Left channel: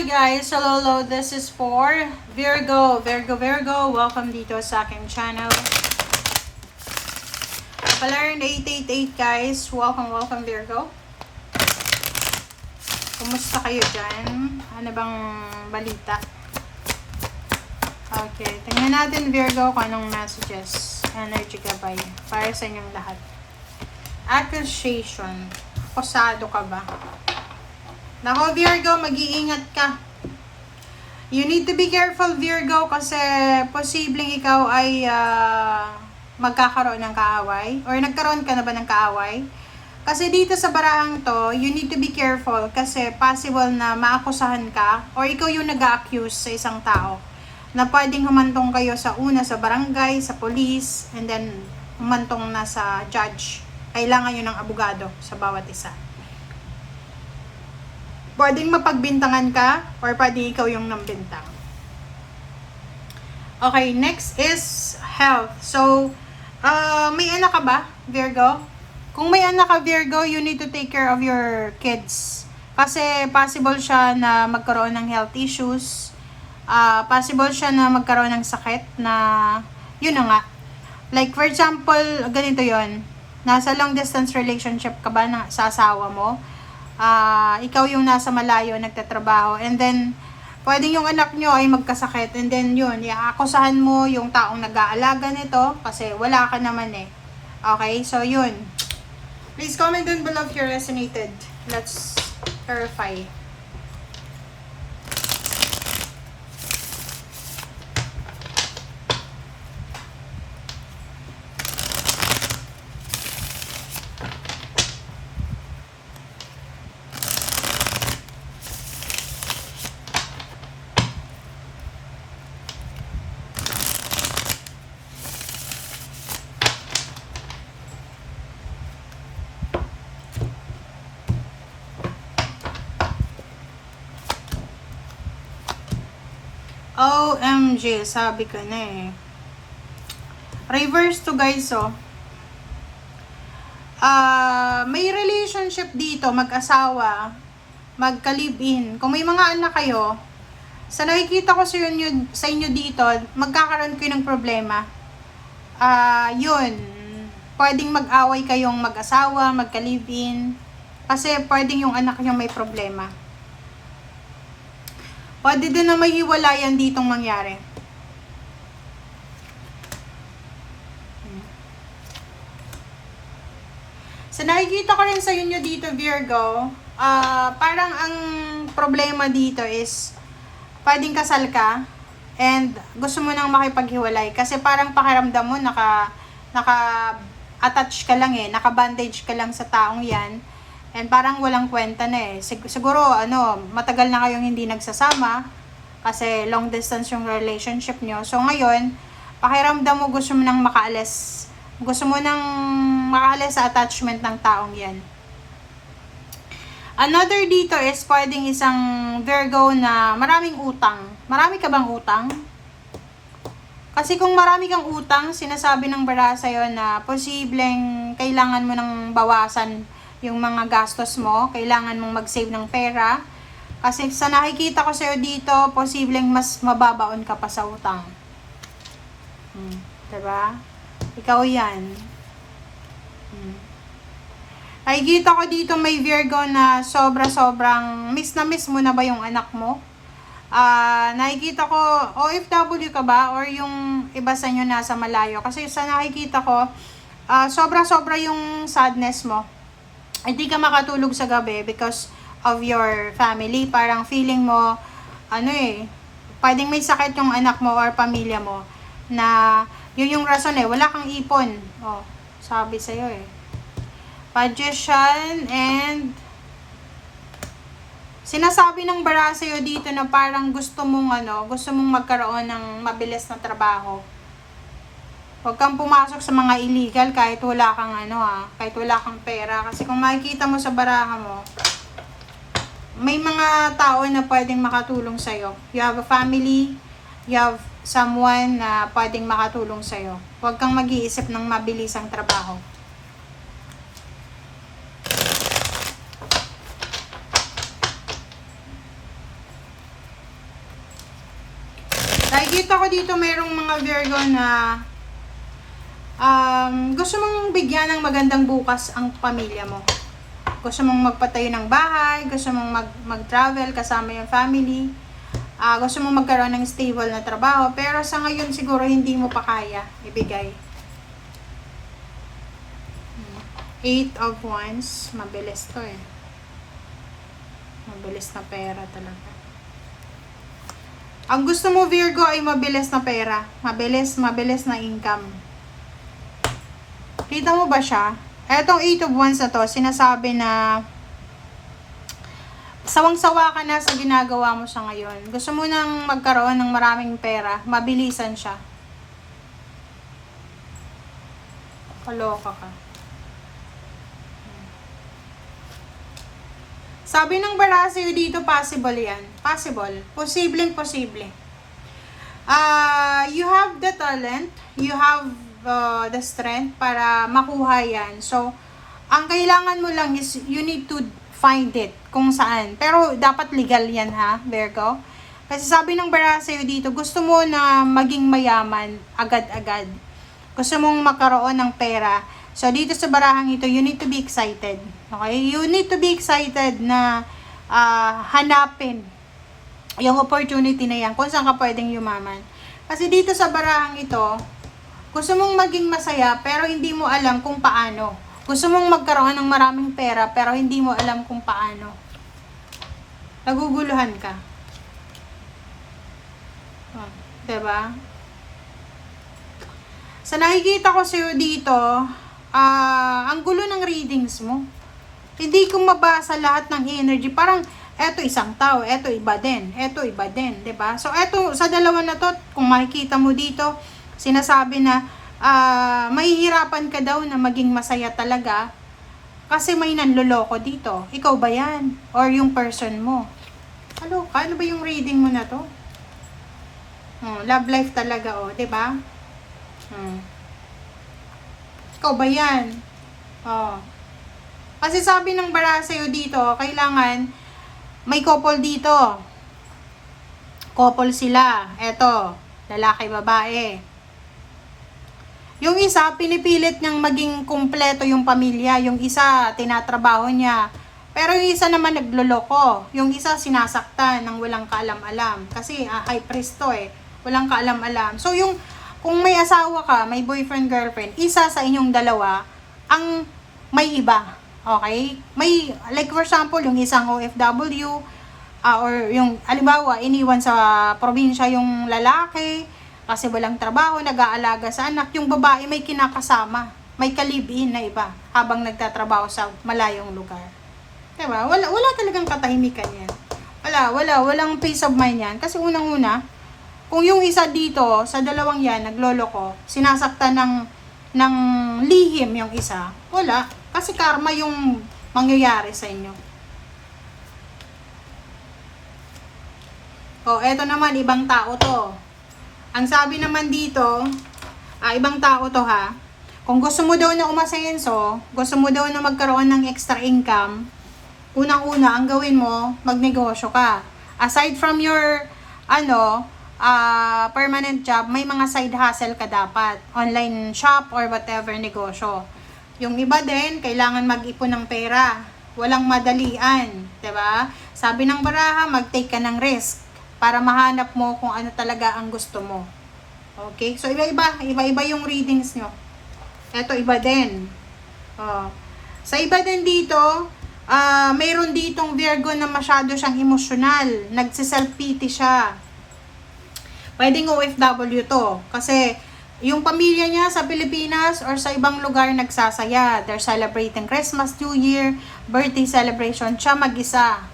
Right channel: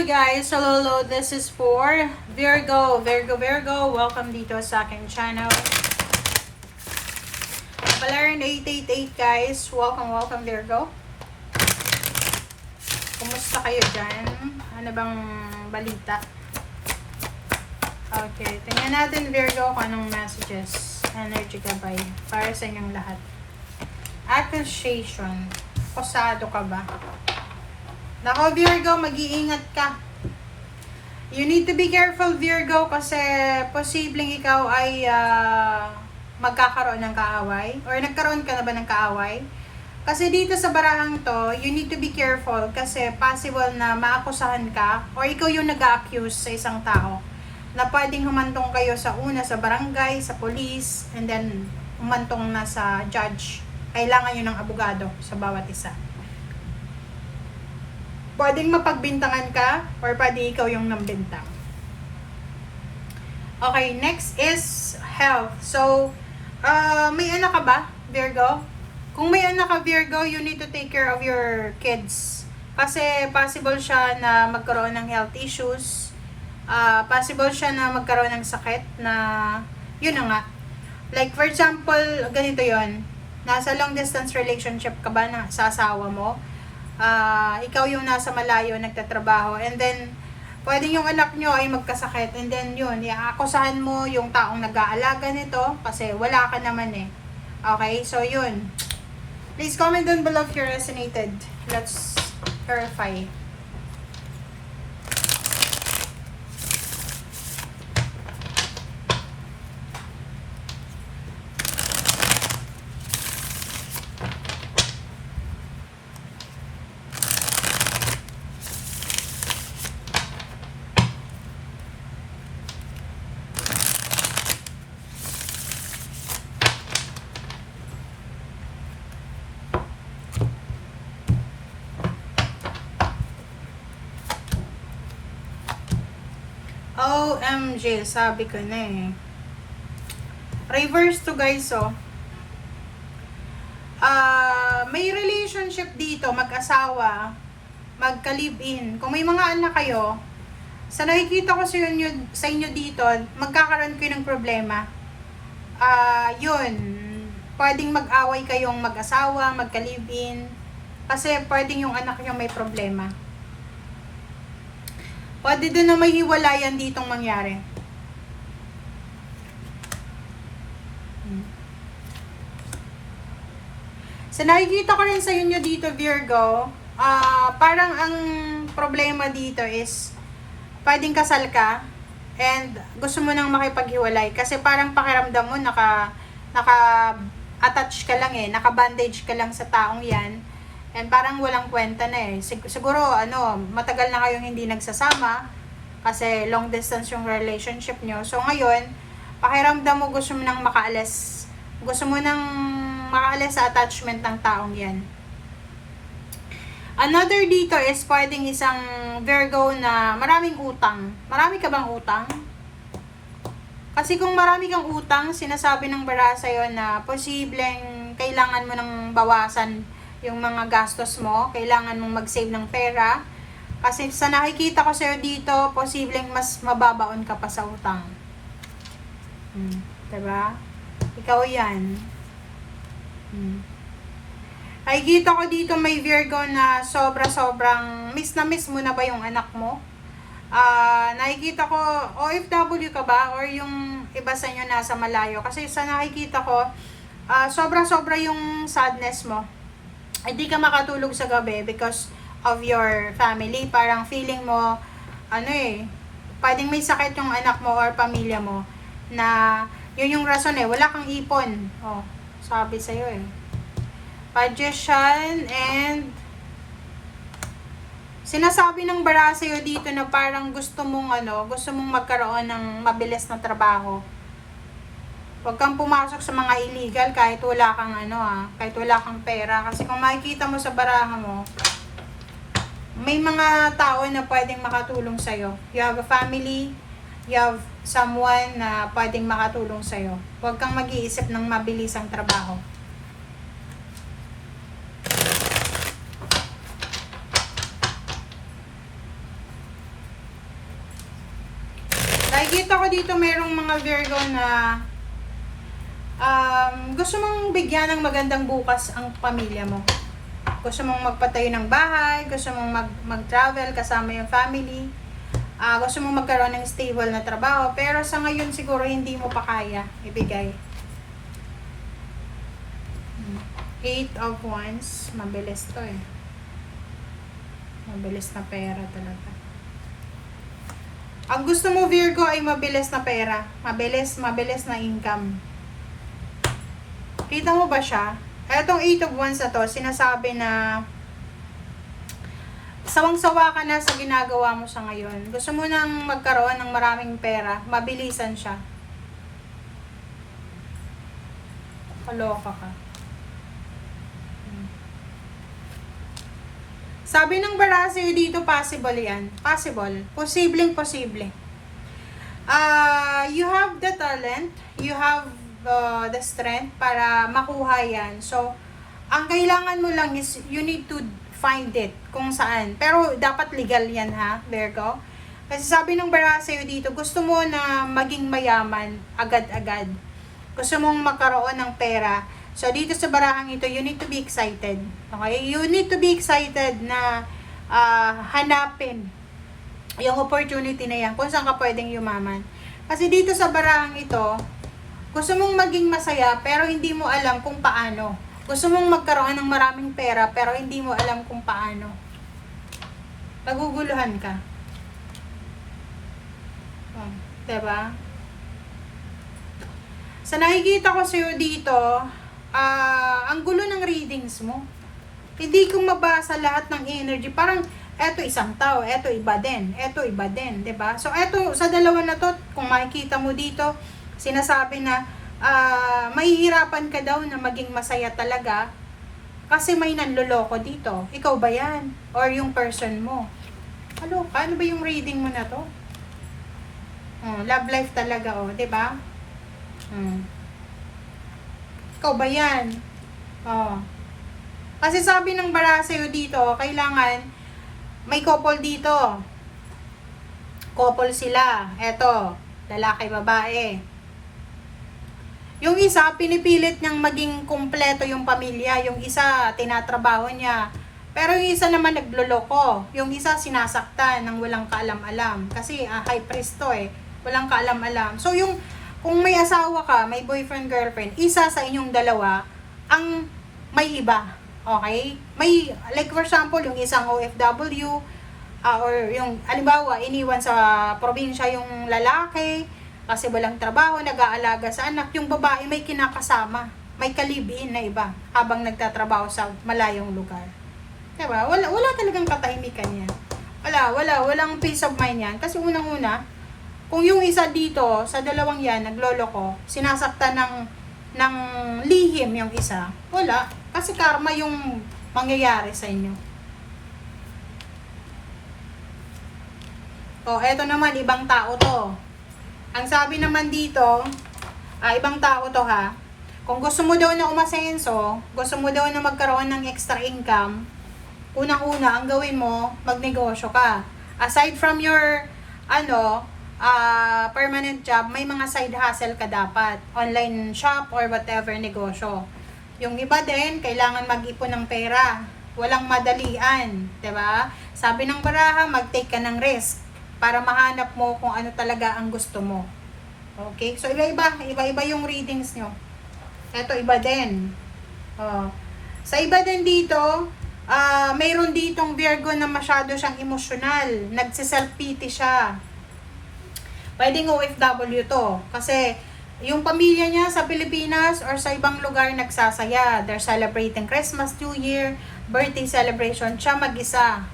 Hello guys! Hello. This is for Virgo. Welcome dito sa aking channel. Palarin 888 guys. Welcome Virgo. Kumusta kayo dyan? Ano bang balita? Okay, tingnan natin Virgo kung anong messages. Energy gabay para sa inyong lahat. Accusation. Akusado ka ba? Nako Virgo, mag-iingat ka. You need to be careful Virgo kasi posibleng ikaw ay magkakaroon ng kaaway or nagkaroon ka na ba ng kaaway? Kasi dito sa barahang to, you need to be careful kasi possible na maakusahan ka or ikaw yung nag-accuse sa isang tao na pwedeng humantong kayo sa una sa barangay, sa police, and then humantong na sa judge. Kailangan yun ng abogado sa bawat isa. Pwedeng mapagbintangan ka or pwede ikaw yung nambintang. Okay, next is health. So, may anak ka ba, Virgo? Kung may anak ka, Virgo, you need to take care of your kids. Kasi possible siya na magkaroon ng health issues. Possible siya na magkaroon ng sakit na, yun na nga. Like, for example, ganito yon. Nasa long distance relationship ka ba sa asawa mo? Ikaw yung nasa malayo nagtatrabaho and then pwedeng yung anak nyo ay magkasakit and then yun, iaakusahan mo yung taong nag-aalaga nito kasi wala ka naman eh. Okay, so yun. Please comment down below if you resonated. Let's verify. OMG, sabi ko na eh. Reverse to guys, oh. May relationship dito, mag-asawa, magka-live-in. Kung may mga anak kayo, sa nakikita ko sa inyo dito, magkakaroon kayo ng problema. Yun. Pwedeng mag-away kayong mag-asawa, magka-live-in. Kasi pwedeng yung anak nyo may problema. Pwede din na may hiwalayan ditong mangyari. So, nakikita ko rin sa inyo dito, Virgo, parang ang problema dito is, pwedeng kasal ka, and gusto mo nang makipaghiwalay. Kasi parang pakiramdam mo, naka-attach ka lang eh, naka-bandage ka lang sa taong yan. And parang walang kwenta na eh. Siguro, matagal na kayong hindi nagsasama kasi long distance yung relationship nyo. So, ngayon, pakiramdam mo gusto mo nang makaalis. Gusto mo nang makaalis sa attachment ng taong yan. Another dito is pwedeng isang Virgo na maraming utang. Marami ka bang utang? Kasi kung marami kang utang, sinasabi ng bara sa'yo na posibleng kailangan mo nang bawasan yung mga gastos mo, kailangan mong mag-save ng pera. Kasi sa nakikita ko sa'yo dito, posibleng mas mababaon ka pa sa utang. Diba? Ikaw yan. Nakikita ko dito may Virgo na sobra-sobrang miss na miss mo na ba yung anak mo? Nakikita ko, OFW ka ba? Or yung iba sa inyo nasa malayo? Kasi sa nakikita ko, sobra-sobra yung sadness mo. Hindi ka makatulog sa gabi because of your family. Parang feeling mo, pwedeng may sakit yung anak mo or pamilya mo na yun yung rason eh, wala kang ipon. Sabi sa'yo eh. Magician and sinasabi ng bara sa'yo dito na parang gusto mong magkaroon ng mabilis na trabaho. Huwag kang pumasok sa mga illegal kahit wala kang kahit wala kang pera. Kasi kung makikita mo sa baraha mo, may mga tao na pwedeng makatulong sa'yo. You have a family, you have someone na pwedeng makatulong sa'yo. Huwag kang mag-iisip ng mabilisang trabaho. Nakikita ko dito merong mga Virgo na gusto mong bigyan ng magandang bukas ang pamilya mo. Gusto mong magpatayo ng bahay, gusto mong mag-travel kasama yung family, gusto mong magkaroon ng stable na trabaho, pero sa ngayon siguro hindi mo pa kaya ibigay. 8 of Wands, mabilis to eh. Mabilis na pera talaga. Ang gusto mo Virgo ay mabilis na pera, mabilis na income. Kita mo ba siya? Etong 8 of Wands na to, sinasabi na sawang-sawa ka na sa ginagawa mo sa ngayon. Gusto mo nang magkaroon ng maraming pera, mabilisan siya. Kaloka ka. Sabi ng Barassi dito, possible yan. Possible. Posibleng-posible. You have the talent, you have the strength para makuha yan. So, ang kailangan mo lang is you need to find it kung saan. Pero dapat legal yan ha, Virgo. Kasi sabi ng Barassi dito, gusto mo na maging mayaman agad-agad. Gusto mong magkaroon ng pera. So, dito sa barahang ito, you need to be excited. Okay? You need to be excited na hanapin yung opportunity na yan, kung saan ka pwedeng yumaman. Kasi dito sa barahang ito, gusto mong maging masaya, pero hindi mo alam kung paano. Gusto mong magkaroon ng maraming pera, pero hindi mo alam kung paano. Naguguluhan ka. Oh, diba? Sa nakikita ko sa'yo dito, ang gulo ng readings mo. Hindi ko mabasa lahat ng energy. Parang, eto isang tao, eto iba din, eto iba din, 'di ba? So, eto, sa dalawa na to, kung makikita mo dito, sinasabi na, mahihirapan ka daw na maging masaya talaga, kasi may nanloloko dito. Ikaw ba yan? Or yung person mo? Ano ba yung reading mo na to? Love life talaga, 'di ba? Ikaw ba yan? Kasi sabi ng Barassi dito, kailangan may couple dito. Couple sila. Eto, lalaki, babae. Yung isa, pinipilit niyang maging kumpleto yung pamilya. Yung isa, tinatrabaho niya. Pero yung isa naman nagloloko. Yung isa, sinasaktan ng walang kaalam-alam. Kasi high priest to eh. Walang kaalam-alam. So yung kung may asawa ka, may boyfriend, girlfriend, isa sa inyong dalawa ang may iba. Okay? May, like for example, yung isang OFW, or yung, halimbawa, iniwan sa probinsya yung lalaki, kasi walang trabaho, nag-aalaga sa anak, yung babae may kinakasama, may kalibin na iba, habang nagtatrabaho sa malayong lugar. Diba? Wala talagang katahimikan yan. Walang peace of mind yan. Kasi unang-una, kung yung isa dito, sa dalawang yan, nagloloko, sinasaktan ng lihim yung isa, wala. Kasi karma yung mangyayari sa inyo. Eto naman, ibang tao to. Ang sabi naman dito, ibang tao to ha. Kung gusto mo daw na umasenso, gusto mo daw na magkaroon ng extra income, unang-una, ang gawin mo, magnegosyo ka. Aside from your, permanent job, may mga side hustle ka dapat. Online shop or whatever negosyo. Yung iba din, kailangan mag-ipon ng pera. Walang madalian. Diba? Sabi ng baraha, mag-take ka ng risk para mahanap mo kung ano talaga ang gusto mo. Okay? So, iba-iba yung readings nyo. Ito, iba din. Sa iba din dito, mayroon ditong Virgo na masyado siyang emosyonal. Nagsiself-pity siya. Pwedeng OFW to. Kasi, yung pamilya niya sa Pilipinas or sa ibang lugar nagsasaya. They're celebrating Christmas, New Year, birthday celebration. Siya mag-isa.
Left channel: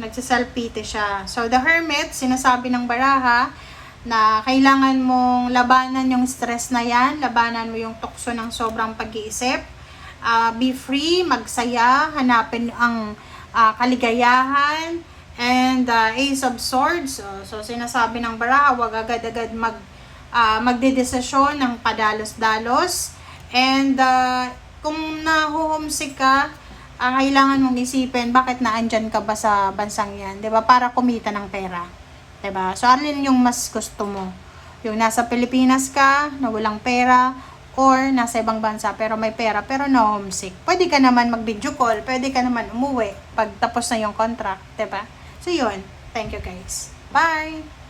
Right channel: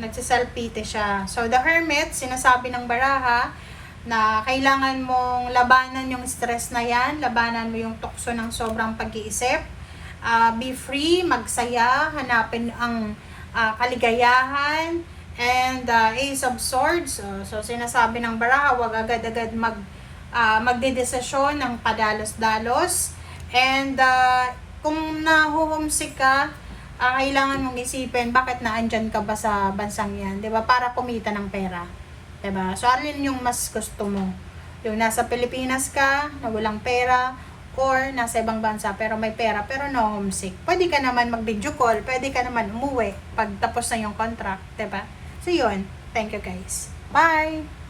Nagsiself-pity siya. So, the Hermit, sinasabi ng baraha na kailangan mong labanan yung stress na yan. Labanan mo yung tukso ng sobrang pag-iisip. Be free, magsaya, hanapin ang kaligayahan. And Ace of Swords. So, sinasabi ng baraha, wag agad-agad magdedesisyon ng padalos-dalos. And kung nahuhumsik ka, kailangan mong isipin bakit naandyan ka ba sa bansang yan, 'di ba? Para kumita ng pera. Diba? So, alin yung mas gusto mo? Yung nasa Pilipinas ka, na walang pera, or nasa ibang bansa pero may pera pero no homesick. Pwede ka naman mag-video call, pwede ka naman umuwi pag tapos na yung contract, 'di ba? So yun. Thank you guys. Bye.